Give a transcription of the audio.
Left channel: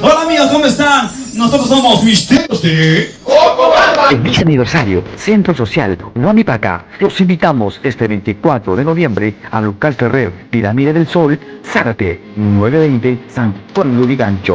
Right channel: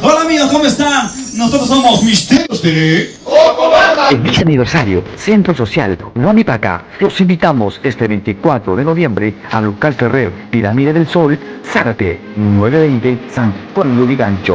Hola amigos, ¿cómo están? Nosotros somos Misterios de... En este aniversario, Centro Social Ronnie Paca, los invitamos este 24 de noviembre a local Ferrer, Pirámide del Sol, Zárate, 920 San Juan de Gancho.